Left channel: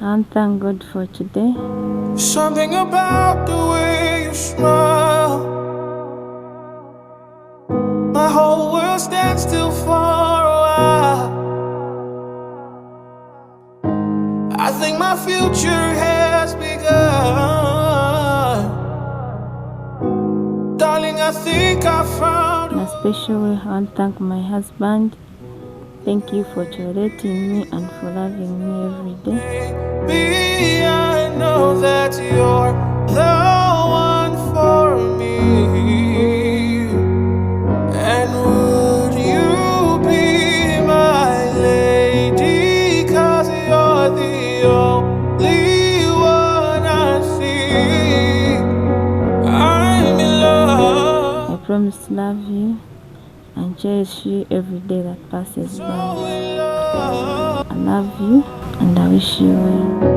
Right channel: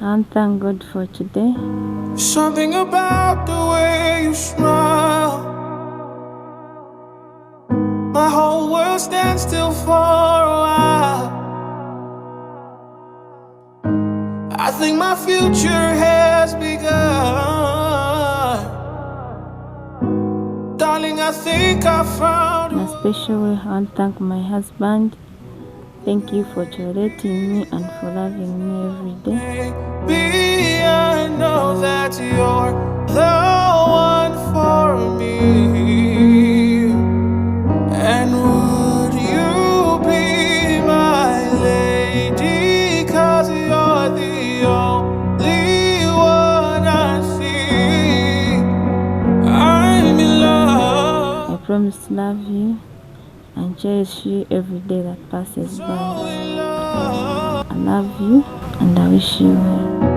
And thank God for today. Something about the way you smile, my whole world stands still for a while. I think my future has begun. Darling, I think I found And especially I want to thank my husband. Thank you for tolerating me and for loving me every day. Baby, I know that you're the one for me. And would you be my lady? 'Cause you're the only one I see. I'm in love. I promise to love you and cherish you every day that passes by. I love you and I wish you well.